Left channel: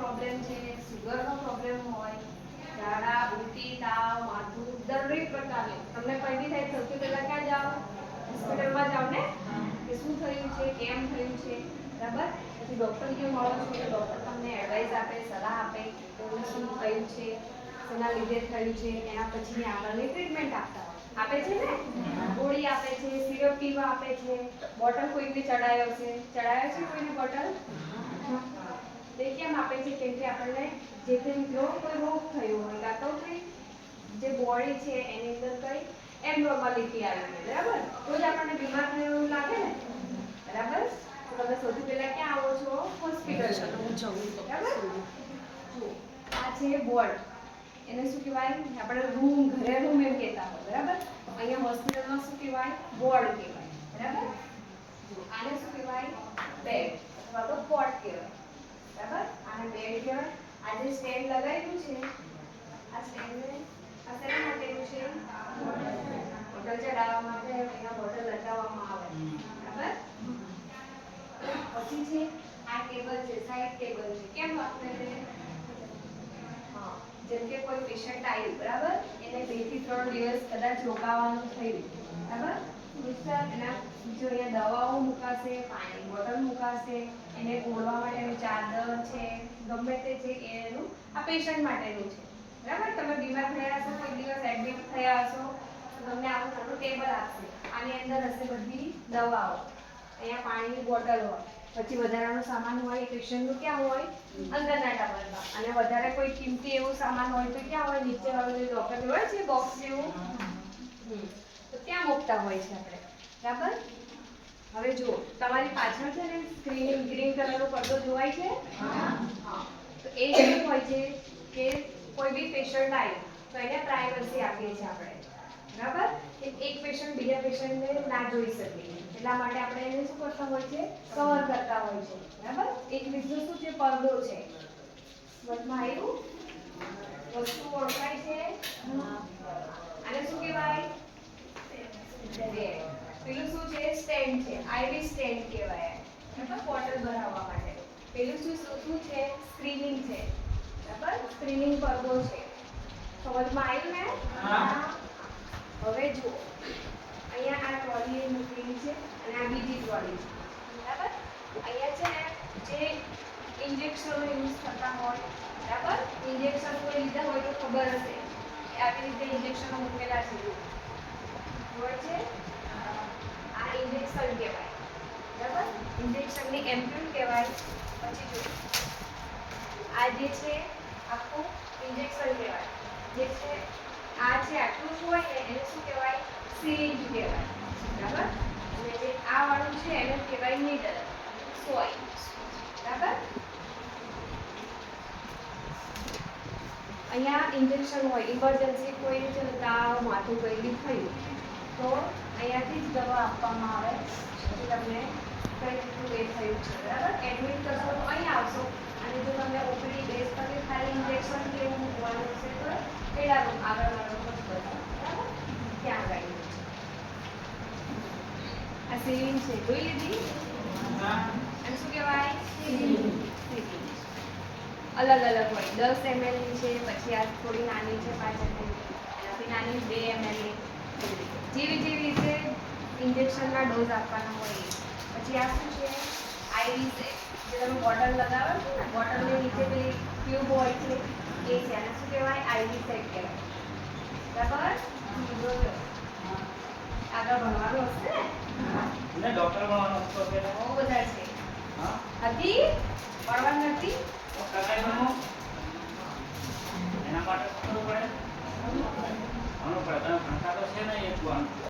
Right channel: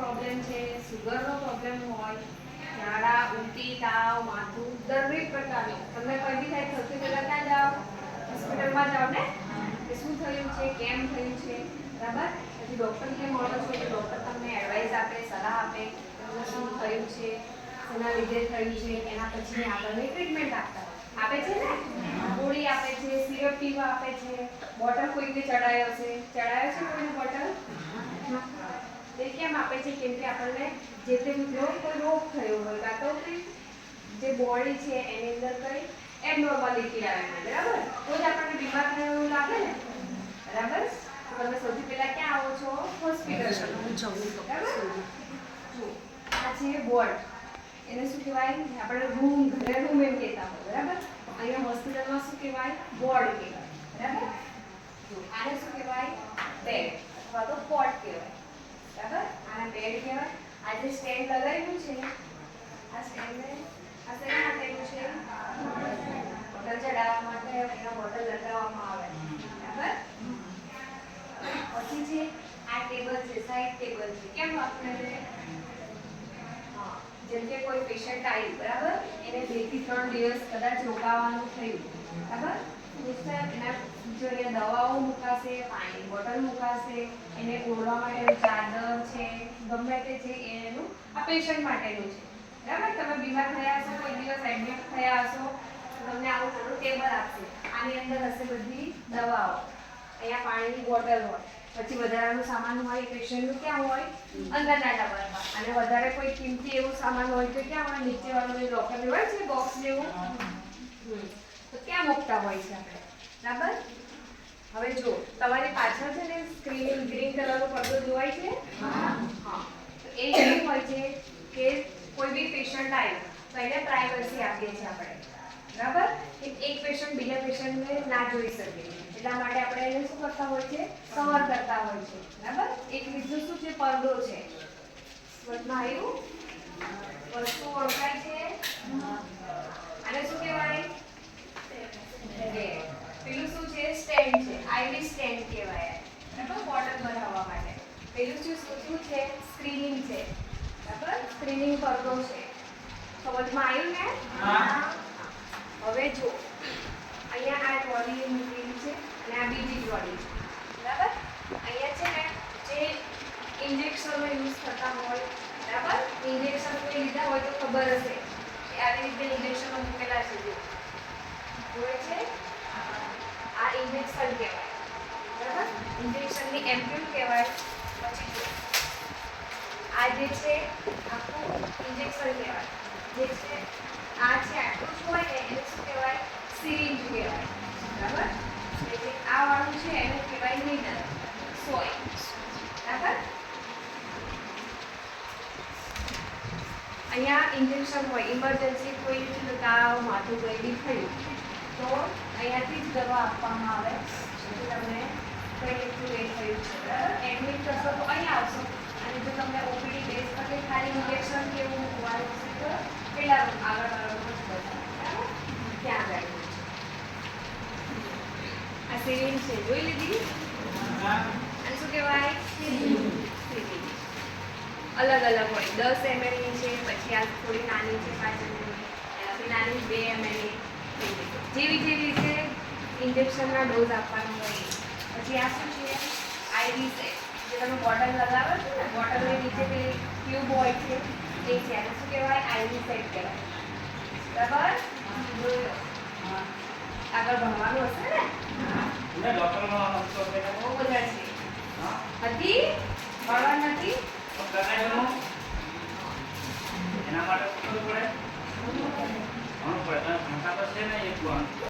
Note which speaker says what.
Speaker 1: Problem છે સુગરનો problem હોય ઝાડા ઉલટી, તાવ, માથું દરેક પ્રકારનો તમને કોઈ બી થાય, સૌથી પહેલાં ક્યાં જાઓ? હોસ્પિટલમાં જાઓ ને? કે શું થયું છે, કેમ થયું છે? બરાબર? પછી ડૉક્ટરને મળો છો, તો ડૉક્ટર તમને એડવાઇસ આપે, સલાહ આપે તમને શું થયું છે એના લીધે થયું છે, એના પછી આગળની ટ્રીટમેન્ટ આપતા આપે છે ને? ગોળી આપે છે સિરપ પીવા આપે છે. બોટલ કોઈને ચડાયો છે? ચડાયો છે કોઈને બોટલ એ કેમ આપે છે કેમ કે આપણને જે તે રોગ કોઈ રોગ થયો હોય કાં તો કંઈ જે બોડી છે એની અંદર કંઈ એબનોર્માલિટી આવે બરાબર? તો જ આપણને બીમાર થયો એવું લાગે ને? બરાબર? તો તમે સૌથી પહેલા ક્યાં આવો છો? હોસ્પિટલ બરાબર? જુઓ, આ છે બોર્ડ. એને શું કહેવાય? આપણે રૂમ ઘરે રૂમ એમ કહેતા હોય બરાબર? અહીંયા હોસ્પિટલમાં શું કહેવાય? બોર્ડ કહેવાય બરાબર? આને શું કહેવાય બેડ અથવા તો કોટ કહેવાય બરાબર આને બેડ કહેવાય આ સ્ટેન્ડ લગાવ્યું છે. આ સ્ટેન્ડ આ શેના માટેનું છે? બોટલ ચડાવવા માટે અહીંયા બોટલ લગાવવામાં આવે. બરાબર? પછી છે, આ ટેબલ છે સાઈડ ટેબલ છે. કેમ હા, જેમ કે કોઈ પેશન્ટ આવ્યું બરાબર? એને બેથી ત્રણ દિવસ કદાચ રોકાવાનું થયું. બરાબર? મિસ્ટર એના જો અહીંયા દવાઓ મુકાશે પાણીની બોટલ મુકાશે એને ઓળવા માટેનું ચાદર છે ગમે તે છે એનું આ પેશન્ટ માટેનું છે. બરાબર? તમે બીમાર થયા હશો કોઈ દિવસ એડમિટ થયા હશો તમને આવું નાનું ટેબલ આપશે. આની અંદર હશે બધી દવાઓ. અહીંયા પાણીની બોટલ હોય. પછી વધારાનું સામાન હોય પેશન્ટનું ક્યાં હોય? અંદરના ડબ્બામાં અને વધારે કોઈ કિંમતી એવું સામાન હોય તો ક્યાં હોય? નીચે વાળું એ લોકર હોય છે બોક્સ જેવું. તો ક્યાં મૂકતા હોય છે આપણે? બરાબર? હવે જો તમારી પાછળ છે ને સ્ક્રીન ગ્રીન કલરનો પડદો જોવાય છે? હા. તો એ શું હોય છે કે કોઈ બી પેશન્ટ આવ્યું તો એને પ્રાઇવસી આપીએ છીએ આપણે. બરાબર? એક પેશન્ટ બીજા પેશન્ટને ના જોઈ શકે. એટલા માટે આપણે એને શું કરતા હોય છે? કવર કરતા હોય છે. બરાબર? એક બીજું શું છે? પડદો છે. વચમાં આવ્યું? વસ્તુ ઓળખાય છે? આને શું કહેવાય? બે. પેલું શું છે? સ્ટેન્ડ છે. આઈવી સ્ટેન્ડ કહેવાય. બરાબર? બોટલ ભરાવવા માટે. પેલું શું શું છે? સ્ક્રીનિંગ છે. બરાબર? સ્ક્રીનિંગ પડદો છે. સમજમાં આવ્યું ને? હવે જો અહીંયા આ ટ્રોલી મૂકેલી છે અને આ બીજી ટ્રોલી છે. બરાબર? અહીંયા છે ને જે ઇન્જેક્શનો યુઝ થતા હોય બરાબર? ઇન્જેક્શન કોઈ લીધા હોય તો ખબર હશે કે આવી રીતે ઇન્જેક્શનો મૂકેલા છે. હોય છે ઇન્જેક્શન કહેવાય બરાબર ઇન્જેક્શનની એમ્પ્યુલ કહેવાય પછી આ જે છે આખું ઇન્જેક્શન કહેવાય જે છે આ છે આટલું જ હોય ને એને શું કહેવાય સિરિંજ કહેવાય બરાબર જે આ વાળું છે એને કહેવાય નીડલ સોય બરાબર અહીંયા ઇન્જેક્શન હોય ઇમરજન્સી કોઈ છે ને તાવ માથું કોઈ બી થયું, તો અહીંયાથી જ દવા આપવામાં આવે તો તમને કંઈ એટલું એ થયું છે, બરાબર? એડમિટ કરશો તો અહીં આવશો. અને જો તમને ઓપીડી બેસ પર ખાલી ઇન્જેક્શન કે એવું મૂકવાનું છે તો પેલા આગળ વાળો જ બરાબર? ત્યાં જાય. આ સિરિંજ છે. જોઈ લીધી? અને શું કહેવાય? અલગ અલગ હોય. દસ એમએલની છે, પછી આ થોડી નાની છે, પાંચ એમએલની એનાથી નાની બે એમએલની જેવી જેવી રીતે ઇન્જેક્શનના ડોઝ આપવાના હોય. એ. પછી આ શું છે? આઈવી સેટ જે તમે બોટલ લગાવો છો ને બોટલની નીચે પેલી ટ્યુબ હોય છે એ છે. આને શું કહેવાય? આઈવી સેટ કહેવાય. બરાબર? જોયો આગળ ભણવાનું હશે ને?
Speaker 2: ને ડોક્ટર બનાવવાનો હતો તેને
Speaker 1: બહુ બધા છે.
Speaker 2: હા.
Speaker 1: હતી? ભણવા નથી?
Speaker 2: તો કરાયનું એના માટે શું કરવું પડે? ભણવું પડે. તમે ભણતા તો છે ને એક ભણ